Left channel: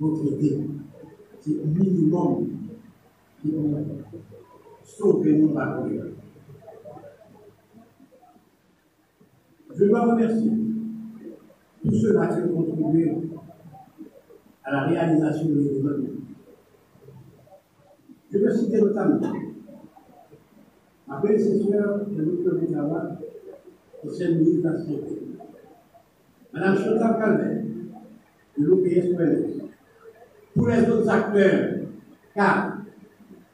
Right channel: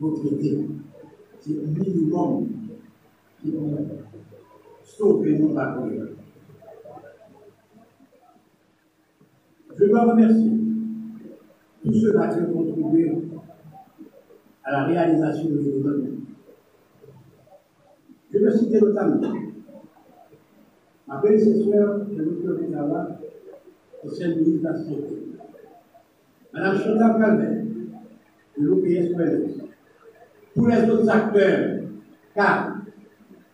Notre idée, c'est le minimum qui peut sauver nos batailles. Je dois remercier tous ceux-là qui ont contribué à la réalisation de l'événement. Je veux citer notamment ma prédécesseur de Dr. Lava, ancienne ministre de la Santé, Mme Chantal Calvert, de l'OPS-OLS, tous les autres acteurs, car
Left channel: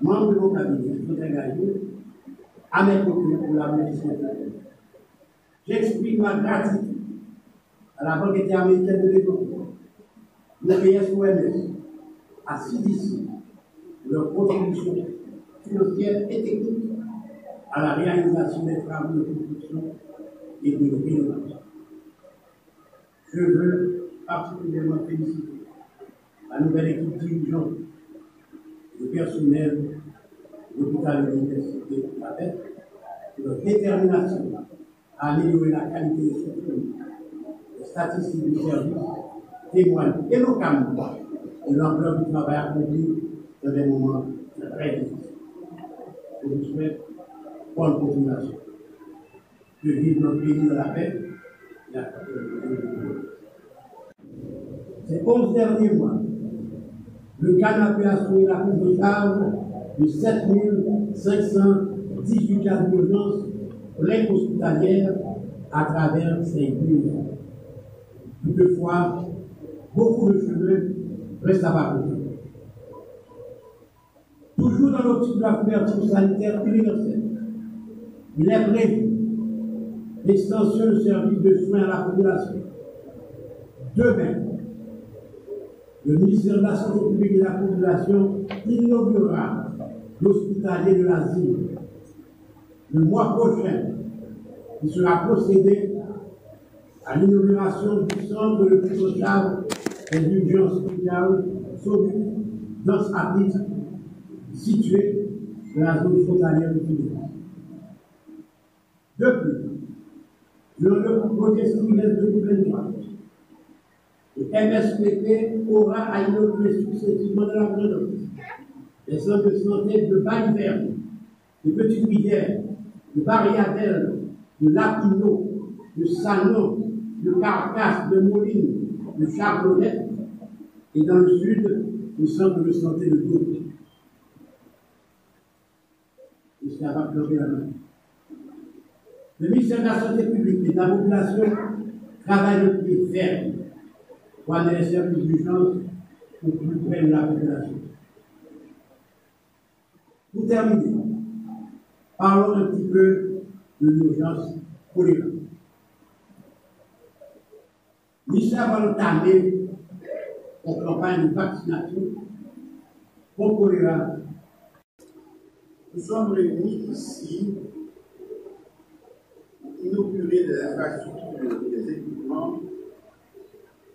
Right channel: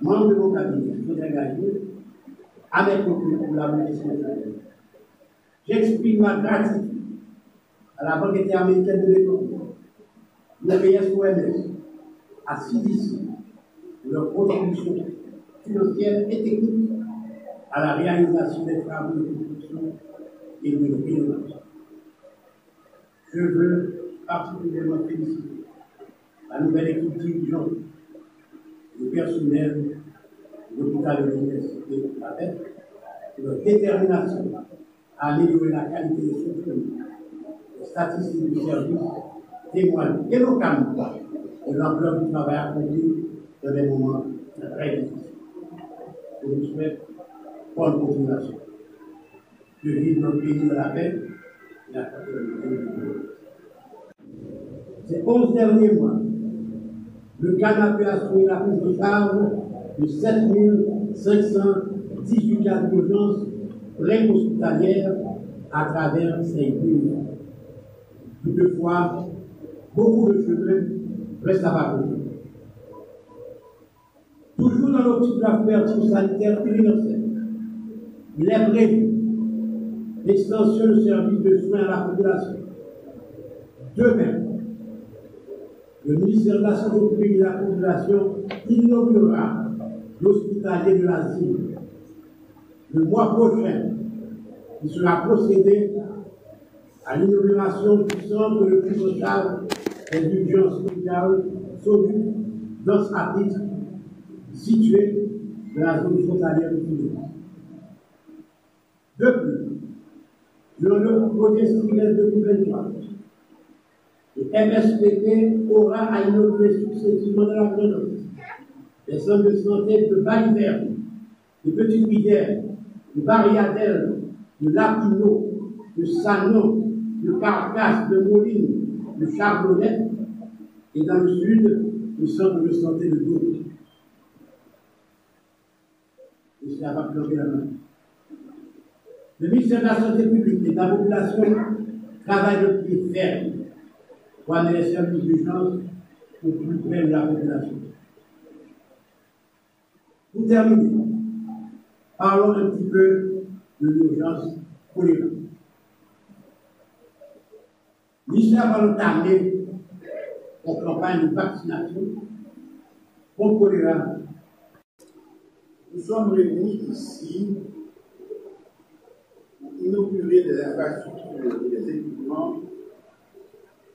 membres de mon cabinet sont engagés à mes côtés pour la mobilisation de la paix. J'exprime ma gratitude à la Banque interaméricaine de développement, l'OPS-OLS, à CDC, pour leur contribution financière et technique à la réalisation des travaux de construction et de rénovation. Je veux particulièrement féliciter la nouvelle équipe dirigeante, le personnel de l'hôpital de l'université de la tête, pour leur détermination à améliorer la qualité des soins. Les statistiques du service témoignent éloquemment de l'ampleur du travail accompli dans des moments très difficiles. Je vous souhaite bonne continuation. Que vive notre pays de la paix et la fraternité de Dieu. Ces 11 derniers mois, le Ghana a assuré la prise de charge de 7 518 cas d'urgence pour l'aide hospitalière à travers ces pays. Toutefois, beaucoup de chemin restent à parcourir. Toujours dans l'optique de la couverture sanitaire universelle, il est prévu l'extension du service de soins à la population. Demain, le ministère de la Santé publique et de la Population inaugurera l'hospitalier de l'asile. Le mois prochain, il sera procédé à l'inauguration du centre de prise en charge des urgences sociales SODU dans ce chapitre situé dans la zone frontalière du Québec. De plus, durant le projet trimestre 2023, le MSPP aura à inaugurer successivement dans la province les centres de santé de Baliverne, de Petite-Rivière, de Barriadelle, de Lapino, de Sanon, de Carcasse, de Moline, de Charbonnet, et dans le sud, le centre de santé de Douai. Et cela va pleurer la main. Le ministère de la Santé publique et de la Population travaille de pied ferme pour amener les services d'urgence au plus près de la population. Pour terminer, parlons un petit peu de l'urgence choléra. L'ISA va entamer une campagne de vaccination contre choléra. Nous sommes réunis ici pour inaugurer des infrastructures et des équipements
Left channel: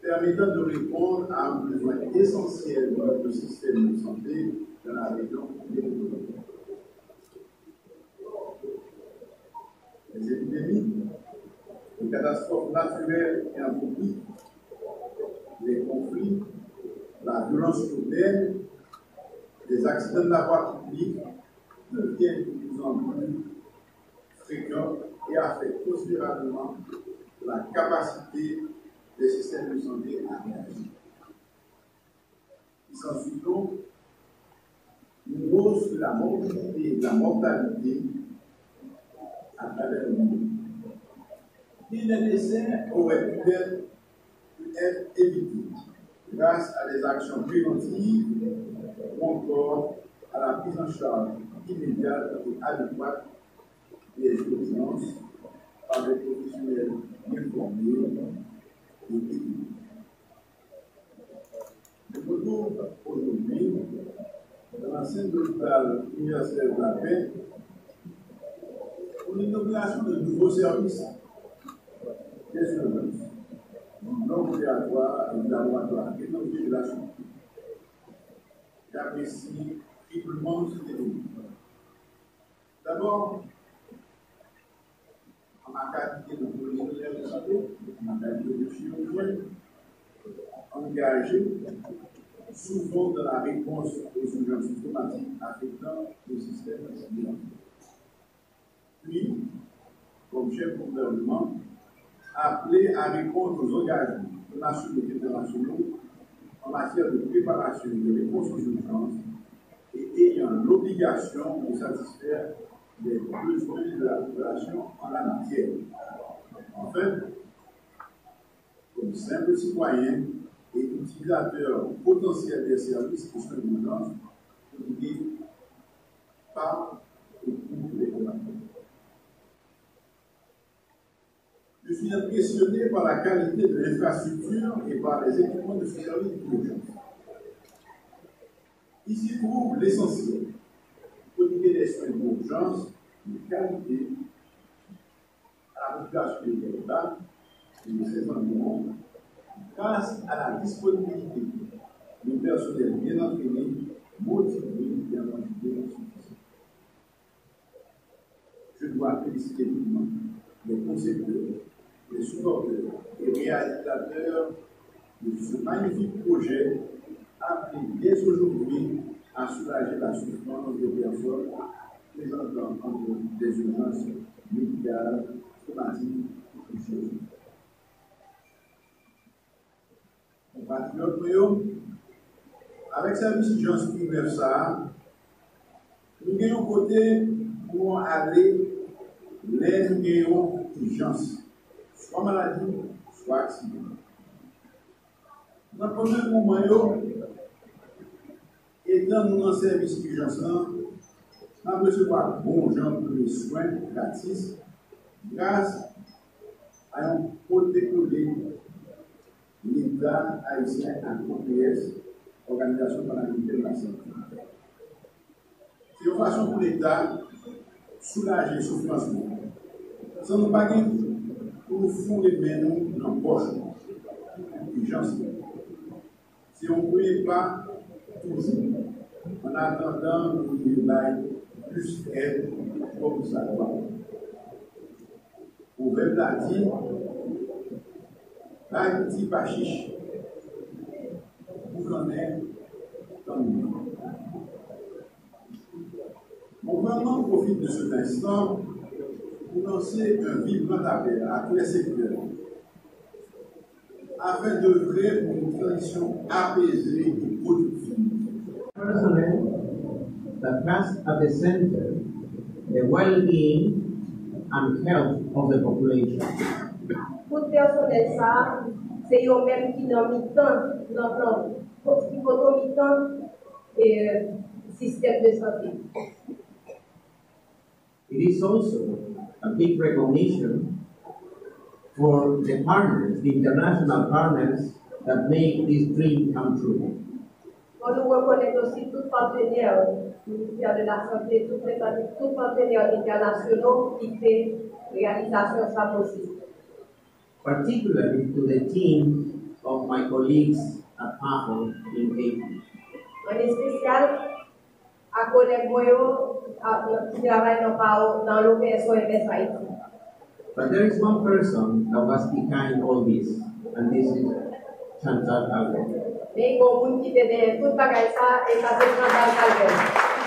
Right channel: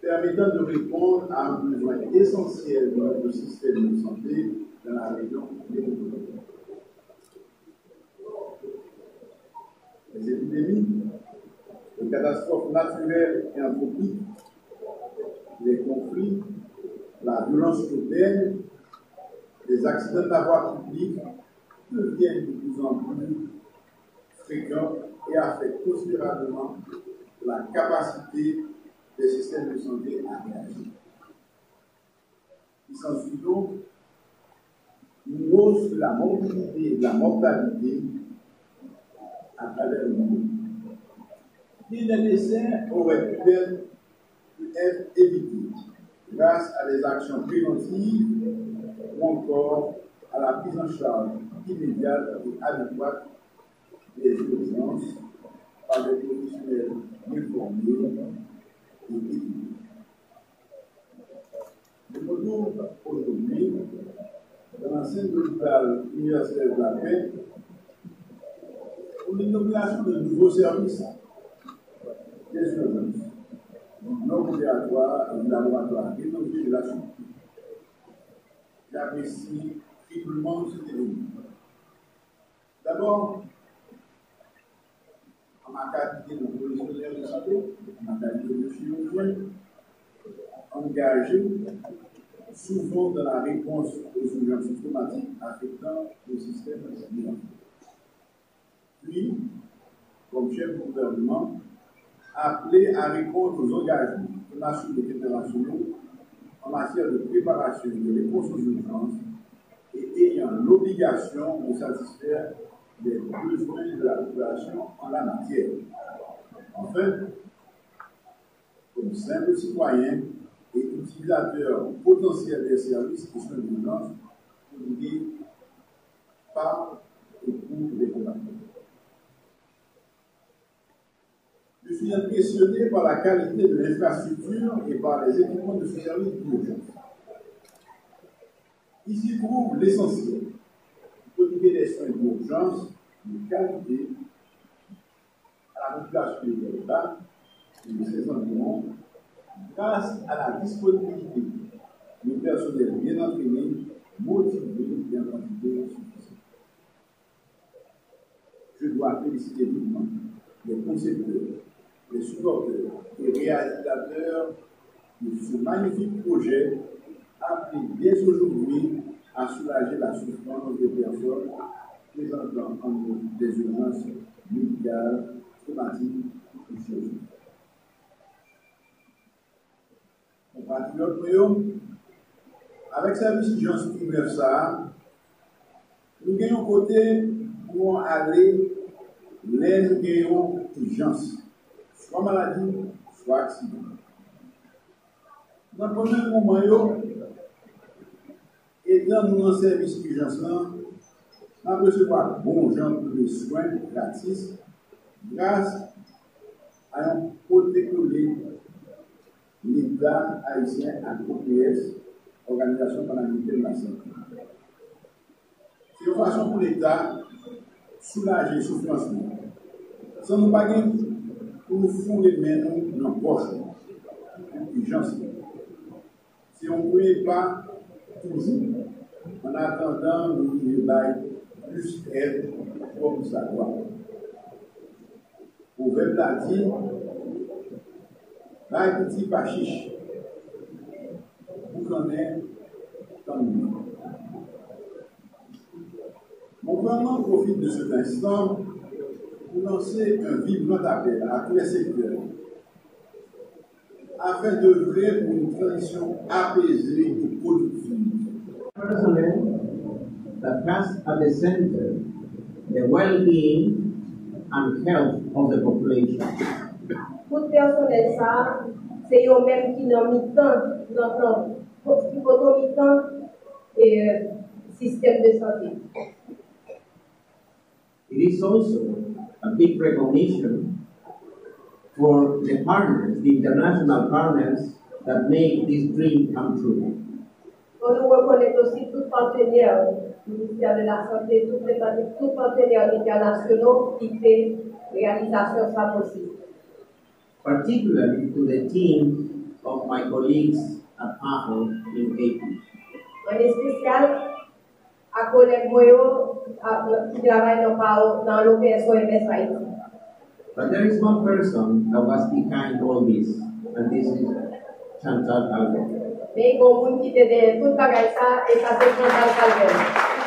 permettant de répondre à un besoin essentiel de notre système de santé dans la région de l'Europe. Les épidémies, les catastrophes naturelles et anthropiques, les conflits, la violence urbaine, les accidents de la voie publique deviennent de plus en plus fréquents et affectent considérablement la capacité des systèmes de santé à réagir. Il s'ensuit donc une hausse de la morbidité et de la mortalité à travers le monde. Les décès auraient pu être évités grâce à des actions préventives ou encore à la prise en charge immédiate et adéquate des urgences par des professionnels informés et équipés. Je me trouve aujourd'hui dans l'ancienne hôpital universitaire de la paix pour l'inauguration de nouveaux services des urgences. non opératoire et du laboratoire d'énergie de la santé. J'apprécie triplement cet événement. D'abord, en ma qualité de professionnel de santé, en ma qualité de chirurgien, engagé souvent dans la réponse aux urgences systématiques affectant le système sanitaire. Puis, comme chef de gouvernement, appelé à répondre aux engagements nationaux et internationaux en matière de préparation de réponse aux urgences et ayant l'obligation de satisfaire les besoins de la population en la matière. Enfin, comme simple citoyen et utilisateur potentiel des services de soins d'urgence, pour dire par et pour les combattants. Je suis impressionné par la qualité de l'infrastructure et par les équipements de ce service d'urgence. Ici trouve l'essentiel, prodiguer des soins d'urgence de qualité à la population de l'État et de ses environs grâce à la disponibilité de personnel bien entraîné, motivé et en quantité suffisante. Je dois féliciter vivement les concepteurs, les supporters et réalisateurs de ce magnifique projet appelé dès aujourd'hui à soulager la souffrance des personnes présentant des urgences médicales, traumatiques ou chirurgicales. Compatriotes, avec service d'urgence universelle, nous gagnons côté pour aller les nous gagnons urgence, soit maladie, soit accident. Dans le premier moment, étant nous en service d'urgence, nous recevons bon genre de soins gratis grâce à un protocole l'État haïtien à l'OPS, Organisation panaméricaine de la santé. C'est une façon pour l'État soulager les souffrances. Sans nous pas pour nous fouler les mains dans la poche. Urgence. Si on ne pouvait pas toujours, en attendant, nous devons plus aide comme ça doit. Au verbe l'a dit, là, il dit pas chiche. Vous en êtes comme nous. Mon gouvernement profite de cet instant pour lancer un vibrant appel à tous les secteurs afin d'œuvrer pour une transition apaisée et productive. Personally, that has at the center the well-being and health of the population. Tout personnel ça, c'est eux-mêmes qui n'ont mis tant, qui vont mis tant système de santé. It is also a big recognition for the partners, the international partners that make this dream come true. On nous reconnaît aussi tous partenaires, le ministère de la Santé, tous partenaires internationaux qui font réalisation ça possible. Particularly to the team of my colleagues at Apple in AP. En spécial, à collègues qui travaillent dans l'OPS Haïti. But there is one person that was behind all this, and this is Chantal Albert. Mais il y a un monde qui était derrière tout le bagage ça et ça c'est Chantal Albert.